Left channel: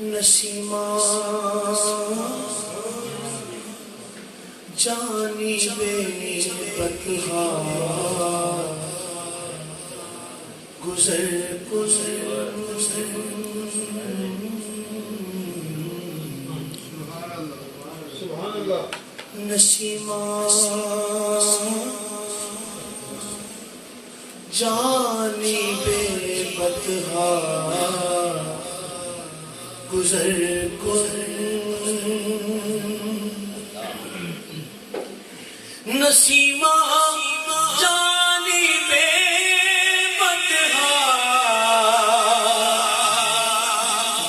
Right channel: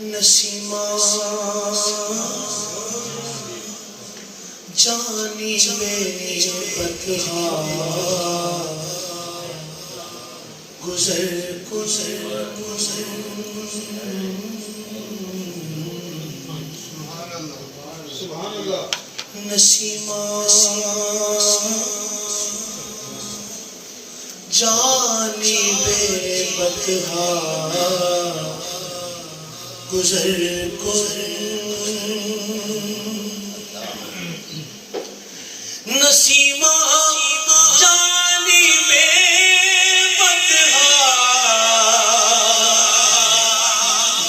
Nasima جانب بطحا گزر Nasima جانب بطحا گزر نسیمہ جانب بطحا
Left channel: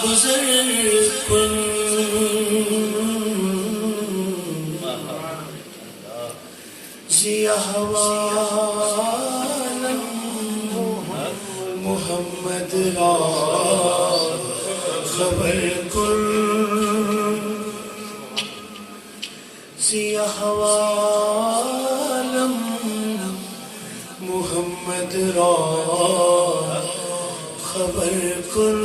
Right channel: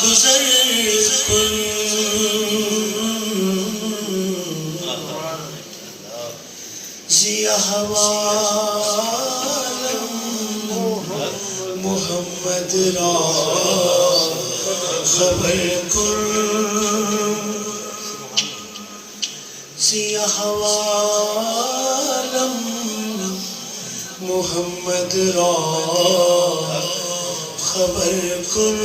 گزر ضیا حوالم محمد را خبر کن ضیا حوالم محمد را خبر کن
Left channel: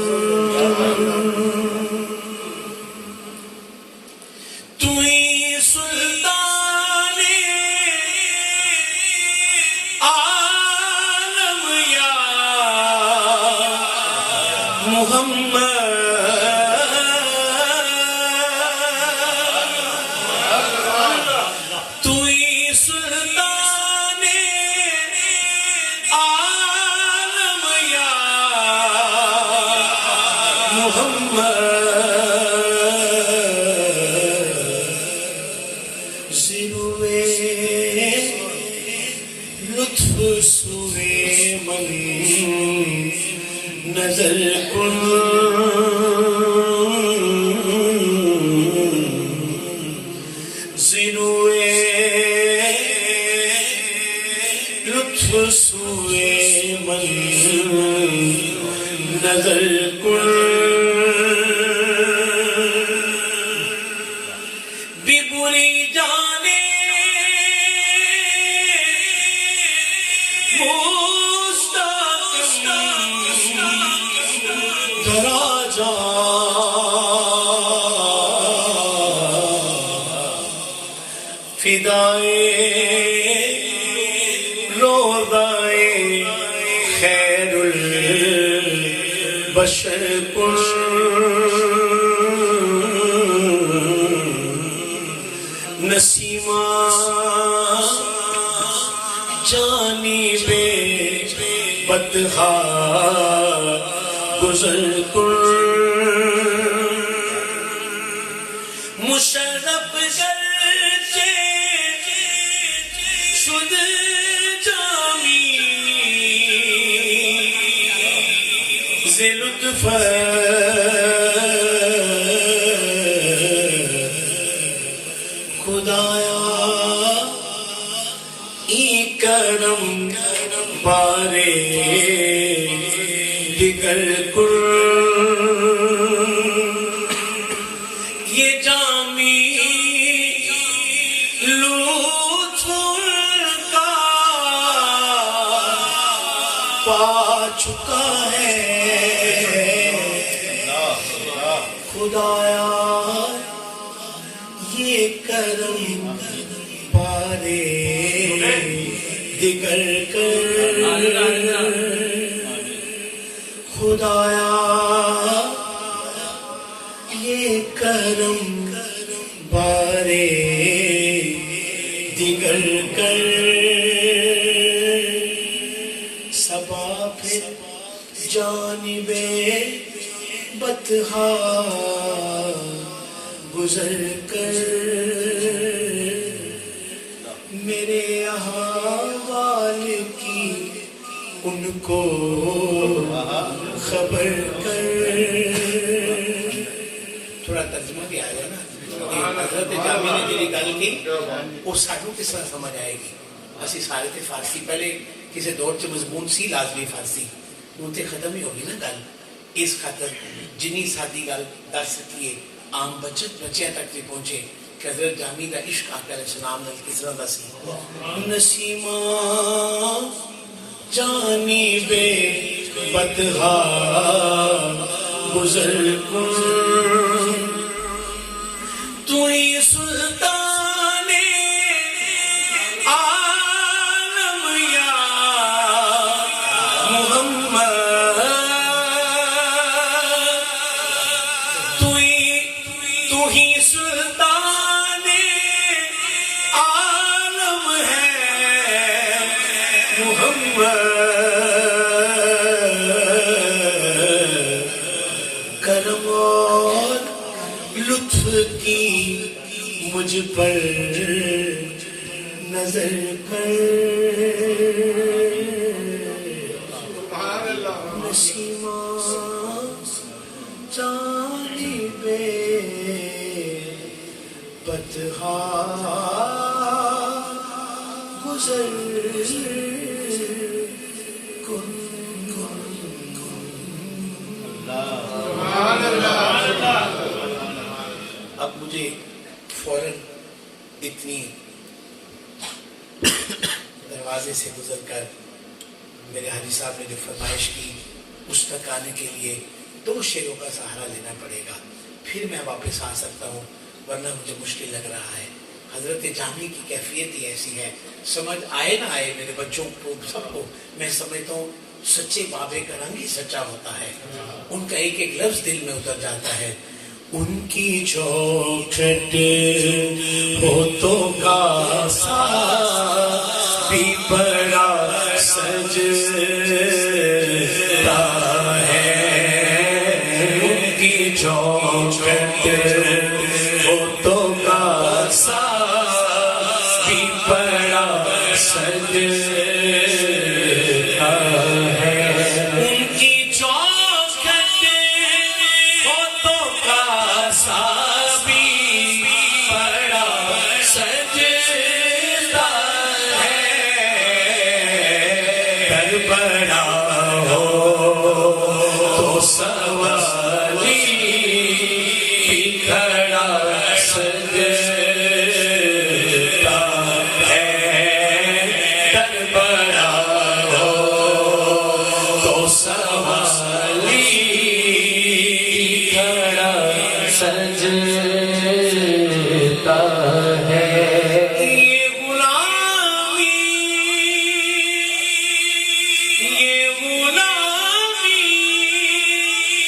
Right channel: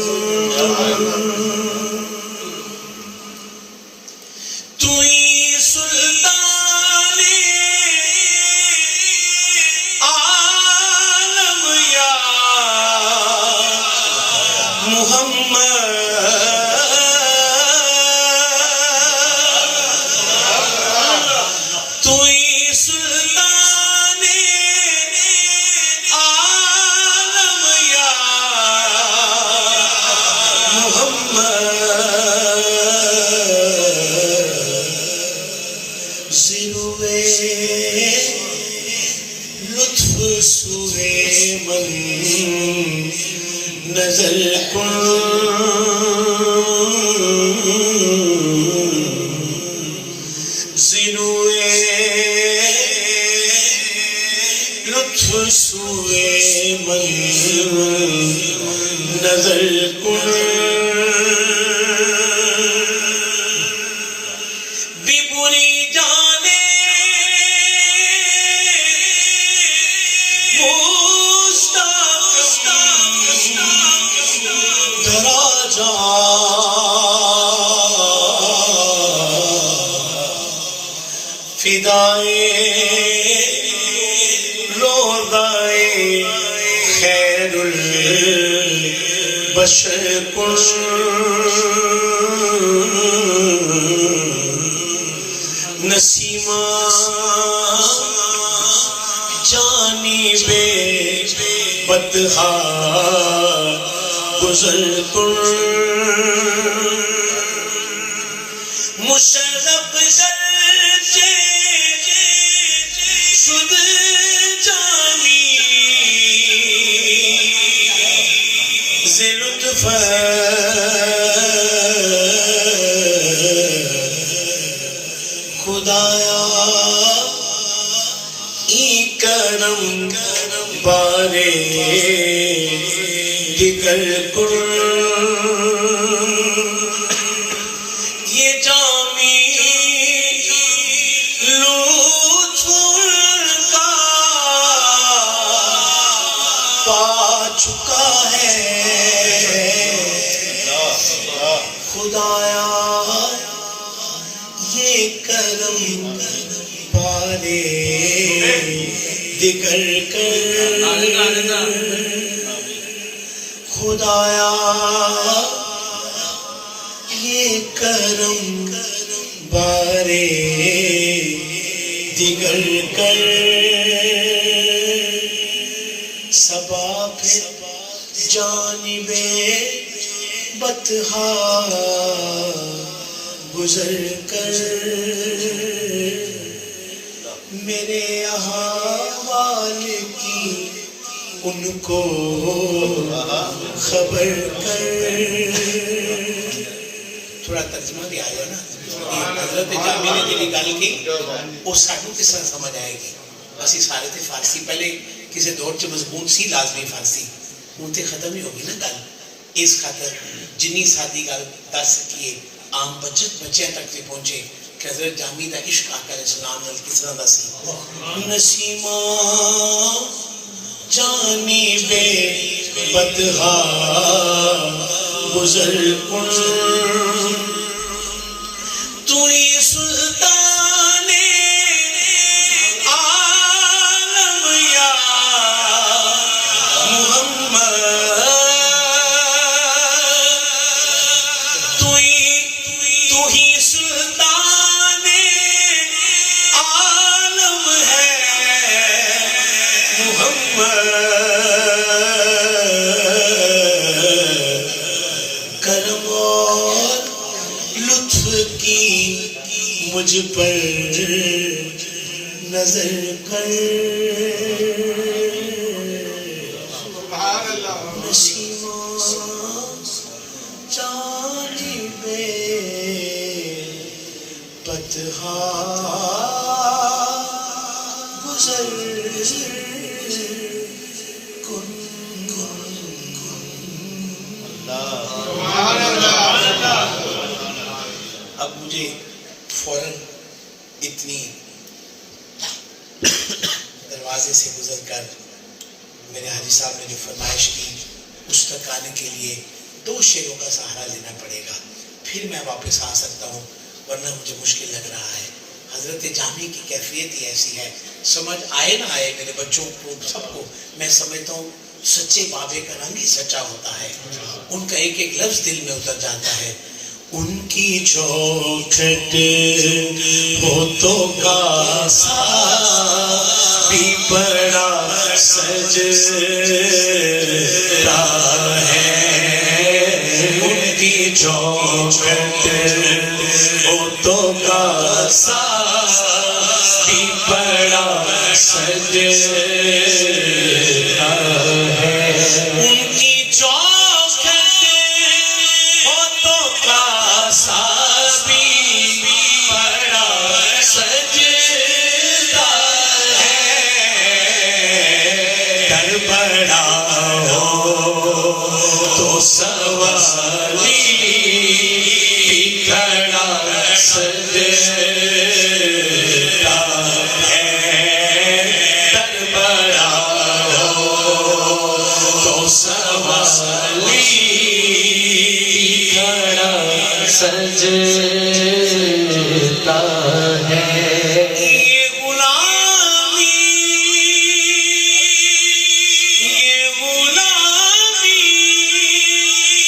توئی سلطان عالم یا محمد توئی سلطان عالم یا محمد زیروے لطف سوئے من نظر کن زیروے لطف سوئے من نظر کن بھی بری جانے دراجہ فدائے روضائے خیر البشر کن نسیمہ جانب بطحا گزر کن مشرف گرچہ شد جامی ز لطف خدایا ای کرم بارے دیگر کن یہ جامی لطف کا پا چکا ہے خدایا یہ کرم بارے دیگر کر خدایا یہ کرم بارے دیگر کر صبا پھر جانب بطحا گزر کر میرے احوال کی ان کو خبر کر تھوڑا ترجمہ بھی آئے گا نا حضرت جامی نے جی گل کی وہ سانو کس طرح سمجھ آئے گی اسی سارے تھے فارسی پہلے کسی دور چ مضمون سی لازمی فارسی ہوں تے ختم ہی ہوگی نا گل اس خاطر جنی سادی گل دس سکیے عام بچیاں تک بھی پہنچے کہ حضرت جامی دا عشق آقا علیہ السلام نے کس طرح دا سی نسیمہ جانب بطحا گزر کن تو ہی سلطان عالم یا محمد تو ہی سلطان عالم ہے محمد کرم اور لطف کی مجھ پر نظر کر نسیماں جانب پتہا گزر کن اب مجھے فوراً اتنی دروازے سے گزر کر میرے حاجی صاحب نے جو فرمائش کی اس تک آنے کے لیے 2 شعروں کا سہارا لینا پڑے گا، پھر میں واپس آ سکتا ہوں، ورنہ مجھے مشکل لگ رہا ہے۔ حضرت جامی کی کیفیت ہی ایسی ہے، سمجھ آئے نہ آئے میرے بچوں کو سب کو، میں سمجھتا ہوں سچے بابے کا رنگ ہی سچا ہوتا ہے، ان کا ایک ایک لفظ دل میں اتر جاتا ہے۔ ان کی چوکھٹ ہوتوں کا سا بھی بڑا سجدہ ہے، ان کی چوکھٹ ہوتوں کا سا بھی بڑا سجدہ ہے، ان کی چوکھٹ ہوتوں کا سا بھی بڑا سجدہ ہے، در بڑا ہو تو سوالی بھی کھڑا سجدہ ہے، در بڑا ہو تو سوالی کھڑا سجدہ ہے۔ یہ غلامی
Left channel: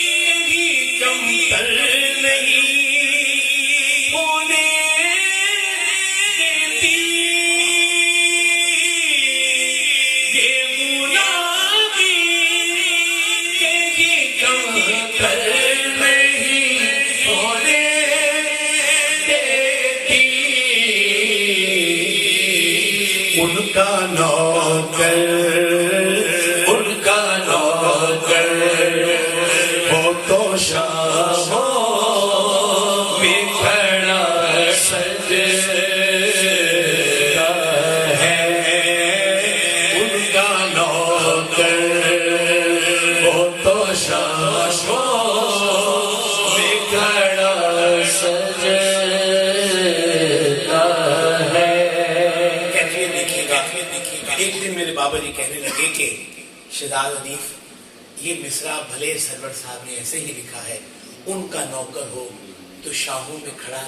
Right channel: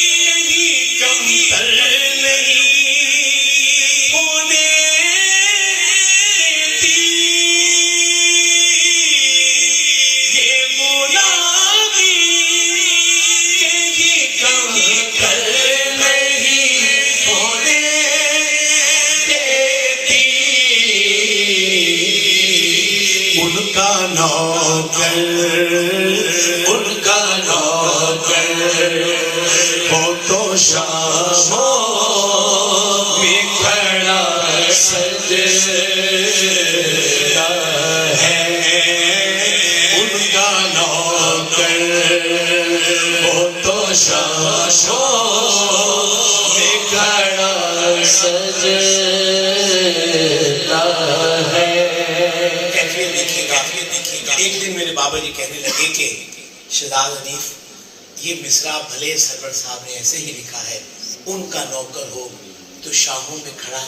یہی کمتر نہیں ہونے دیتی، یہ غلامی یہی کمتر نہیں ہونے دیتی، ان کا نوکر ہو تو شاہوں میں کھڑا سجدہ ہے، ان کا نوکر ہو تو شاہوں میں کھڑا سجدہ ہے۔ کیفیت دیکھیے گا، ایک دن میرے بابا جی کہنے لگے کہ شہزاد حنیف یہ مصرع بھلے سرور صاحب نے ایسے ہی لکھا ہے، ان کا نوکر ہو تو شاہوں میں کھڑا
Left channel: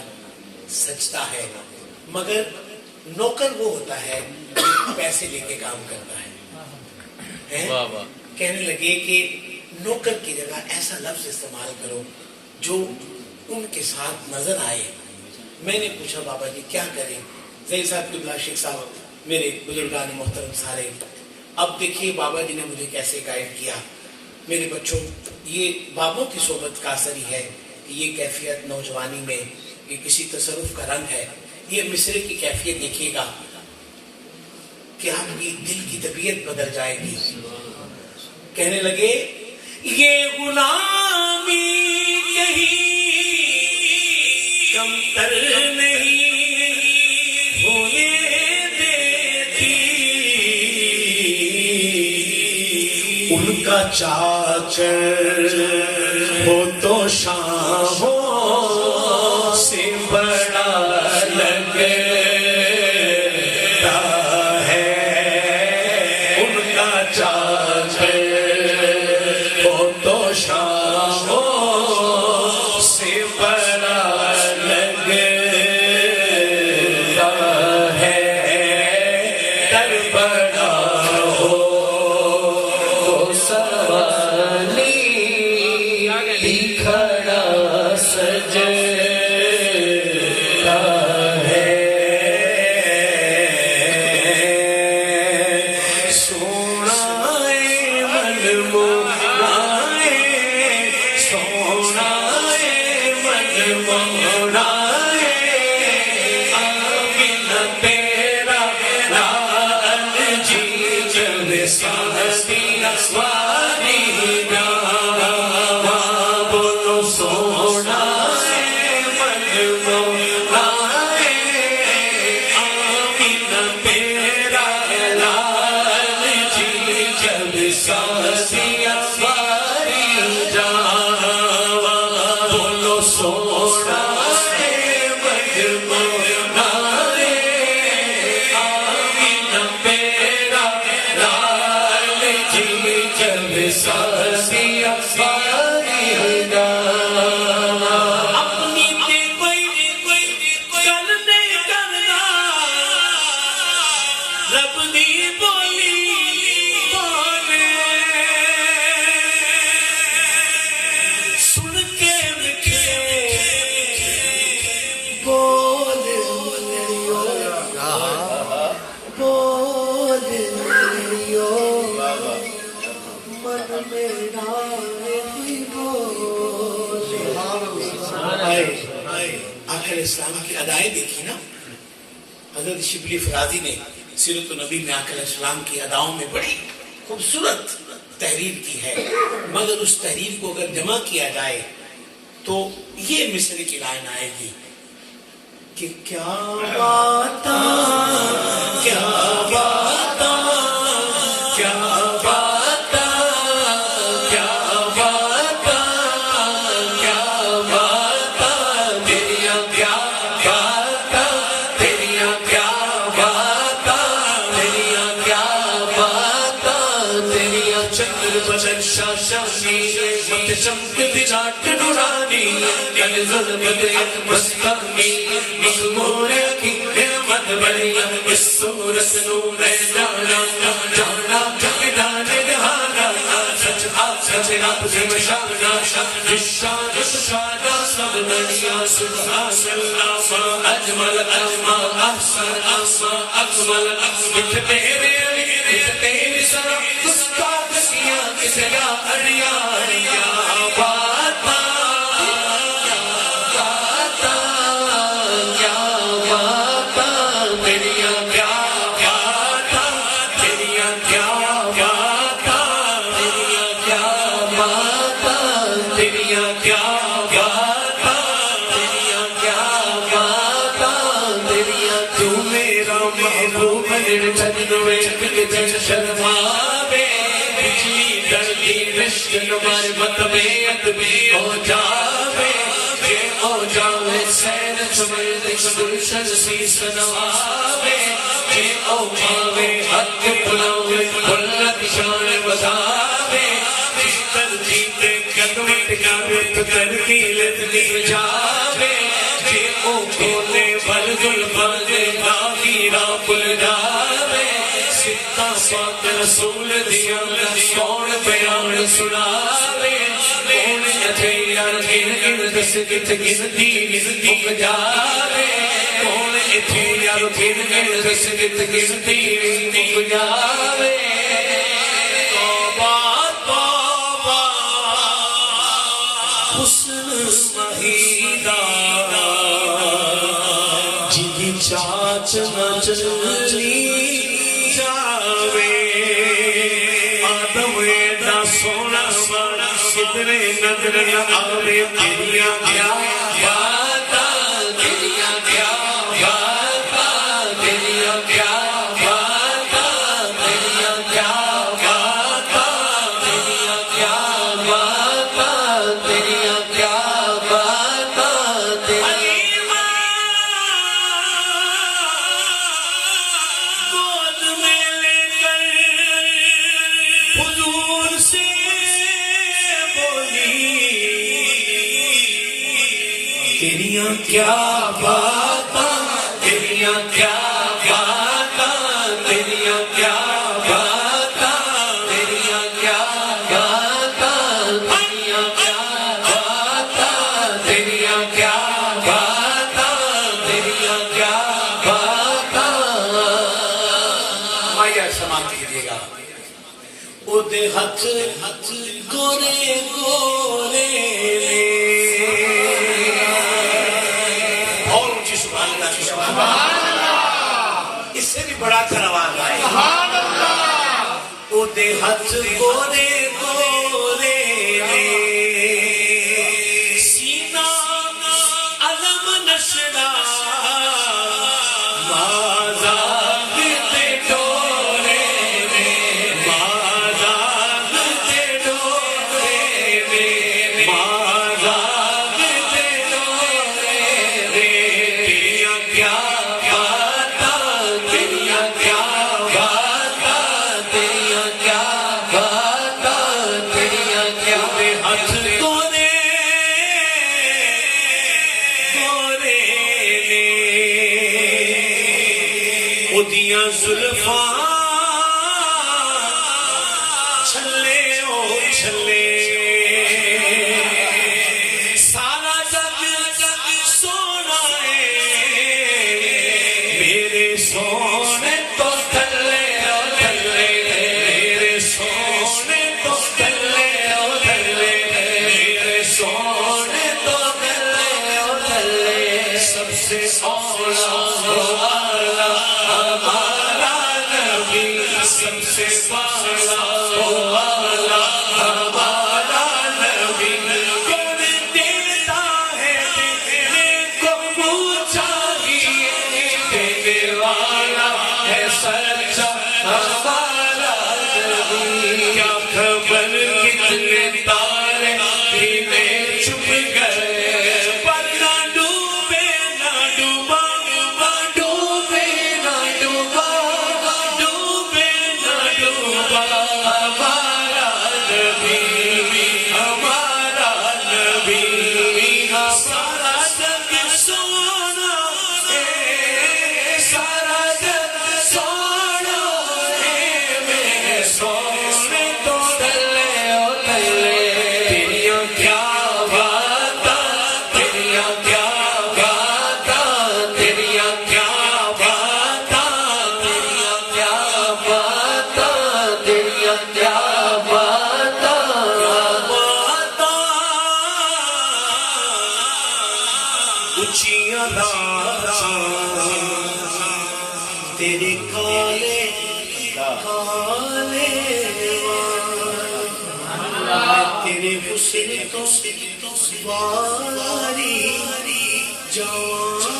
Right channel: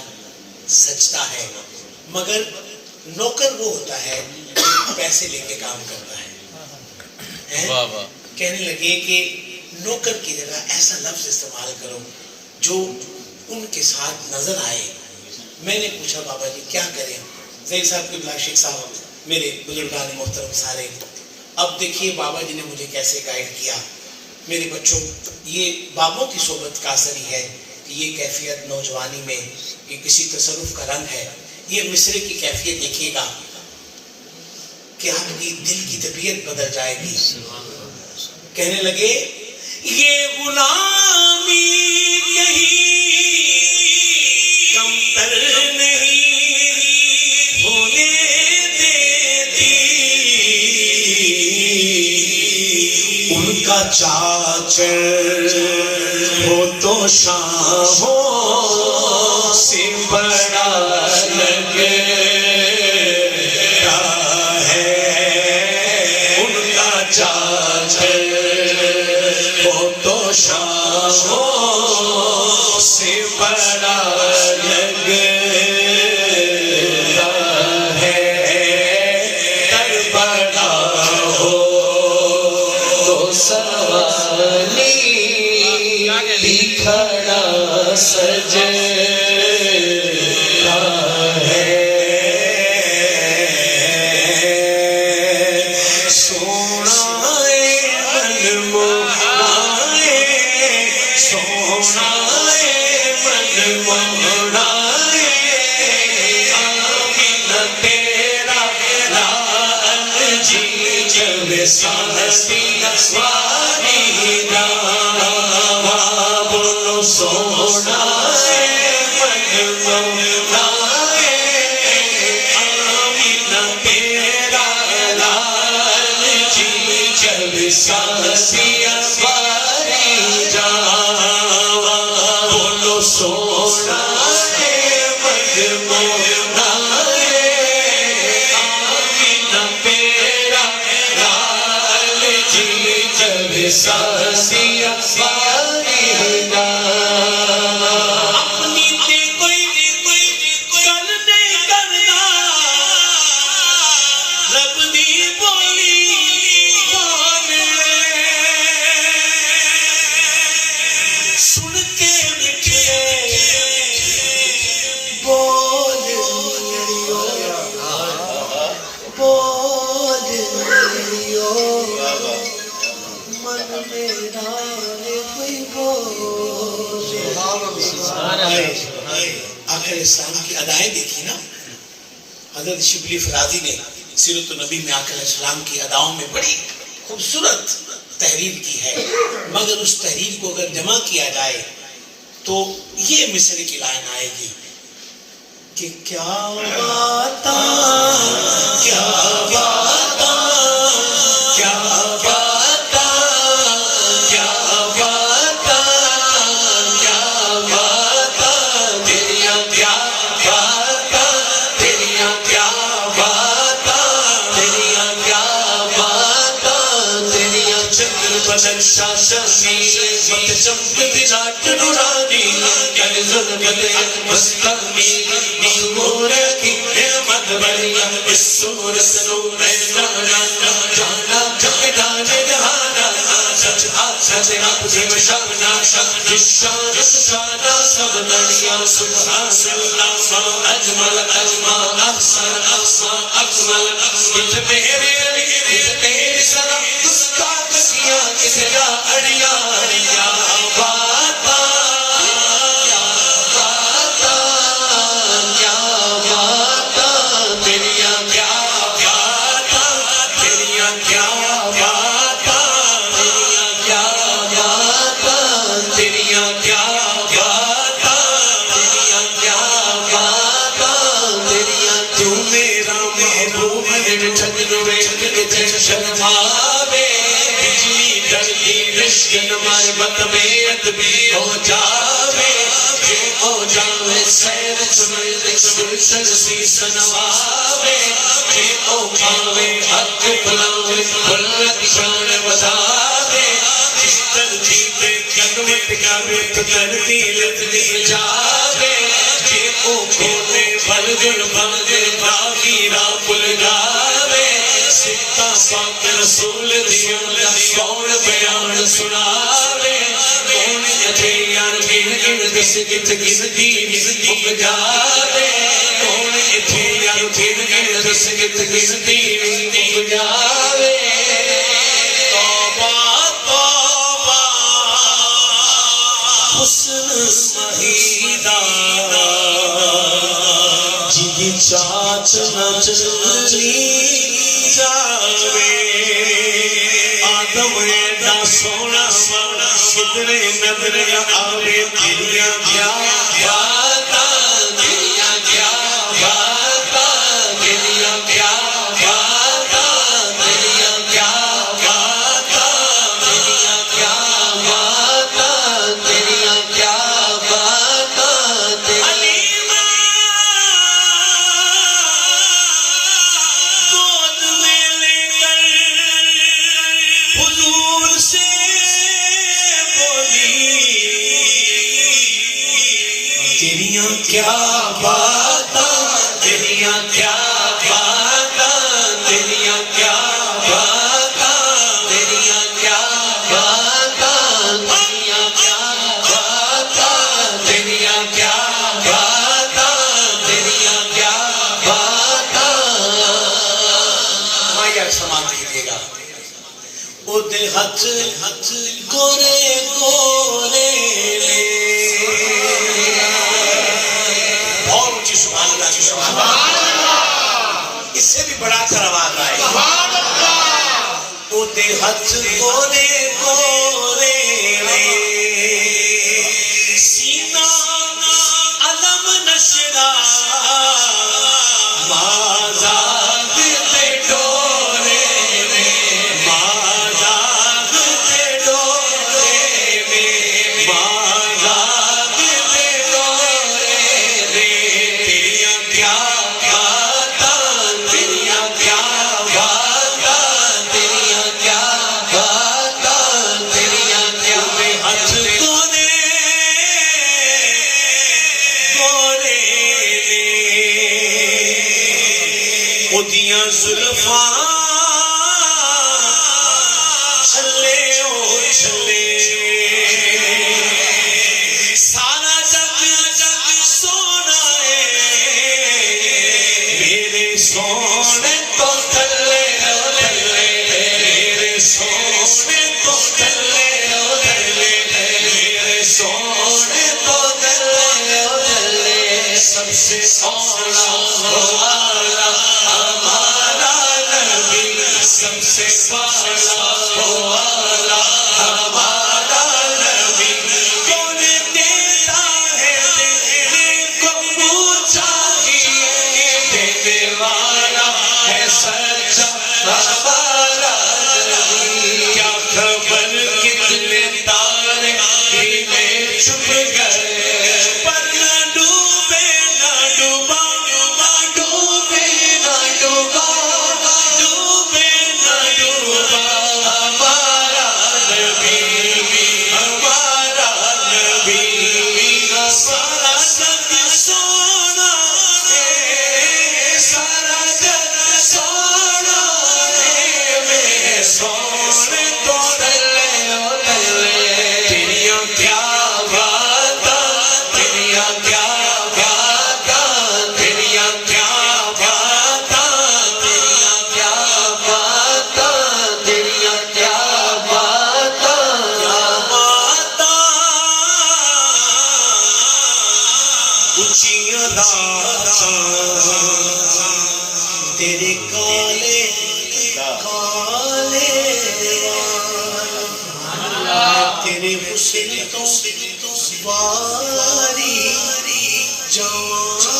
سجدہ ہے، مگر نوکر وہ ہوتا ہے پیسے لے کے کام کرتا ہے۔ کہنے لگے کہ نوکر کی جگہ ایسا لفظ استعمال کرو جو ان کے ساتھ نظر آئے۔ میں نے پوچھا بابا جی کیا کریں؟ زید صاحب قبلہ، شیخ صاحب، میرے بزرگان محترم سارے، اب دیکھیے بابا جی نے مجھے کیسے گائیڈ کیا۔ میرے بچوں، یہ بابوں کی صحبت کا اثر ہی ہے کہ یہ کیفیت نوجوانی میں یہ کسی تصرف کا رنگ ہے۔ یہ مصرے کی کیفیت دیکھیے گا کہ آپ کی دل کی طبیعت بدل جائے گی۔ کہنے لگے یہ غلامی یہی کمتر نہیں ہونے دیتی، ان کا چاچر ہو تو شاہوں سے بڑا لگتا ہے، ان کا چاچر ہو تو شاہوں بڑا لگتا ہے در بڑا ہو تو سوالی بھی کھڑا سجتا ہے سونا من موڑائے سونا من موڑائے آمین تیرا لال جی جب سانسی واری جانا بولو سونا من موڑائے آمین تیرا لال جی جب سانسی واری جانا بولو سونا من موڑائے آمین تیرا لال جی جب سانسی واری جانا اپنی تے کوئی گل نہیں کرنا رب دی بولی بولے سن کے مٹھے بول لیو بول لیو من میرا کوئی بولے آخر اسلام کی ادائیں دیکھی نا حضرت شبلی فرازی نے سیرت النبی میں آخر اسلام کی اداؤں میں بڑی خوبصورت تحریر کی ہے مگر اس تحریر کو اگر جمع کیا جائے تو یہ مصر کی لائن آئے گی کہ کیا باتا کیا باتا کیا باتا کیا باتا کیا باتا تیریاں کیا باتا تیریاں کیا باتا تیریاں کیا باتا تیریاں چندر بنکشا شمیر مت چمکت جاٹ نورانی کل ظلم دے مستقمی مغمور کی نعمت بڑی اس صورت نور جانا جانا جانے جہانا سچ آپ سے مشانا جس شان شانا سب نڑیاں سبحان اللہ اجمل اجمل احسن احسن اکمل کت میرے کت تیری سرم گستاخ کیا کسے یا اڑیا اڑیا باتا کیا باتا کیا باتا تیریاں کیا باتا تیریاں کیا باتا تیریاں کیا باتا تیریاں کیا باتا تیریاں کیا باتا تیریاں تو میرا محبوب نرچد نویت کے شرماوے بجلی ڈرتی رشک نمار بطبیعت بھی ہو جاوے جے ہو جاوے سیر سمردک گلشن سی سنواوے جے ہو پاوے حق بلاوے بلت شان بزاوے جس ترجیتے قدمت کعبے تو تربیلت لکھ جاوے جے ہو کھولے بلجل بلدے باقیرہ پل جاوے سکتا پاک رسول دیا کون بیان سناوے کون یتھے یار گن گن دس گت گنتی مک جاوے کون یتھے یار گن گن دس گت گنتی مک جاوے توبہ توبہ حسن مہیدہ جی چاچ نہ چلی جاوے آدم ایڈا سونا سونا کتنے نظر آوے تیریاں کیا باتا تیریاں کیا باتا تیریاں کیا باتا تیریاں کیا باتا تیریاں کیا باتا تیریاں کیا باتا علیمہ گود میں لے کر حضور سے بولی تیریاں کیا باتاں تیریاں کیا باتاں تیریاں کیا باتاں تیریاں کیا باتاں تیریاں کیا باتاں تیریاں کیا باتاں تیریاں کیا باتاں مایا سماعت کیجیے گا او دے ہاتھ گورے گورے اور اونچی سبحان اللہ کی سبحان اللہ اس سے بھی بڑا کر آواز آئے او دے ہاتھ گورے گورے سینہ علم نشرا مازاگ تے ڈورے مازاگ تے ڈورے مازاگ تے ڈورے تیریاں کیا باتاں تیریاں کیا باتاں تیریاں کیا باتاں تیریاں کیا بے ہاتھ گورے گورے اودیاں زلفاں چھلے او چھلے سارا جگ سونا ہے میرے سونے تو تھلے او تھلے میرے سونے تو تھلے او تھلے میرے سونے تو تھلے او تھلے سب سے اولا والا ہمارا نبی سب سے والا والا ہمارا نبی کون دیتا ہے دینے کو چاہیے دینے والا ہے سچا ہمارا نبی کیا خبر کتنے تارے ہیلے چھپ گئے پر نہ ڈوبے نہ ڈوبا نہ ڈوبے نہ ڈوبا ڈوبے نہ ڈوبا ہمارا نبی سارا جگ سونا ہے سارا جگ سونا ہے میرے سونے تو تلے او تلے تیریاں کیا باتاں تیریاں کیا باتاں تیریاں کیا باتاں تیریاں کیا باتاں تیریاں کیا باتاں اونچیاں راتاں تیرے کالے کالے وال تیرے حسن تو باری جوان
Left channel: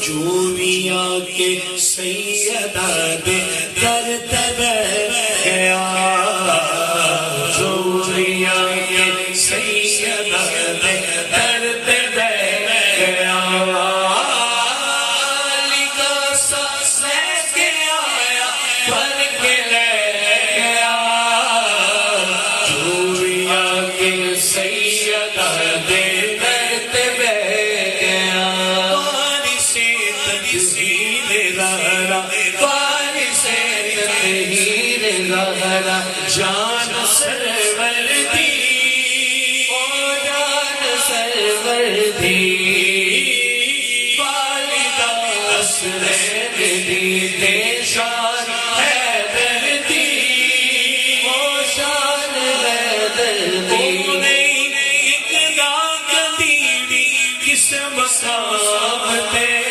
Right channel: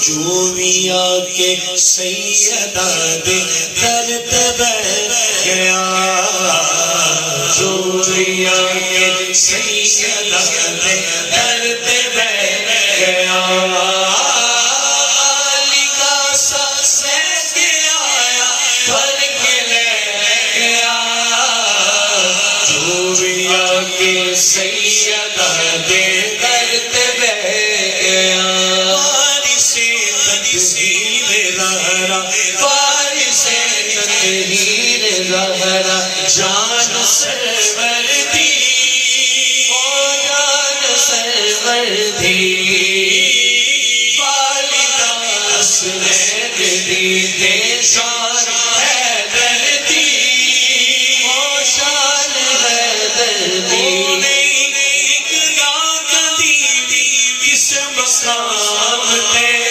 جو بھی آکے سیدہ دے در تبیر گیا جو بھی آکے سیدہ دے در تبیر گیا لکھا سا سہ کے آیا بھر کے لے گیا جو بھی آکے سیدہ دے در تبیر گیا زہرا جان سرور دی او جان سرور دی والدہ حسنین دی تے شان حیدر دی او شان حیدر دی ایک داغ دی کس مقام تے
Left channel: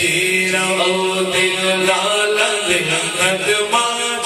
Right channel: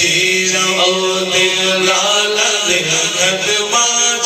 جیرا او دل لالا دل قدماں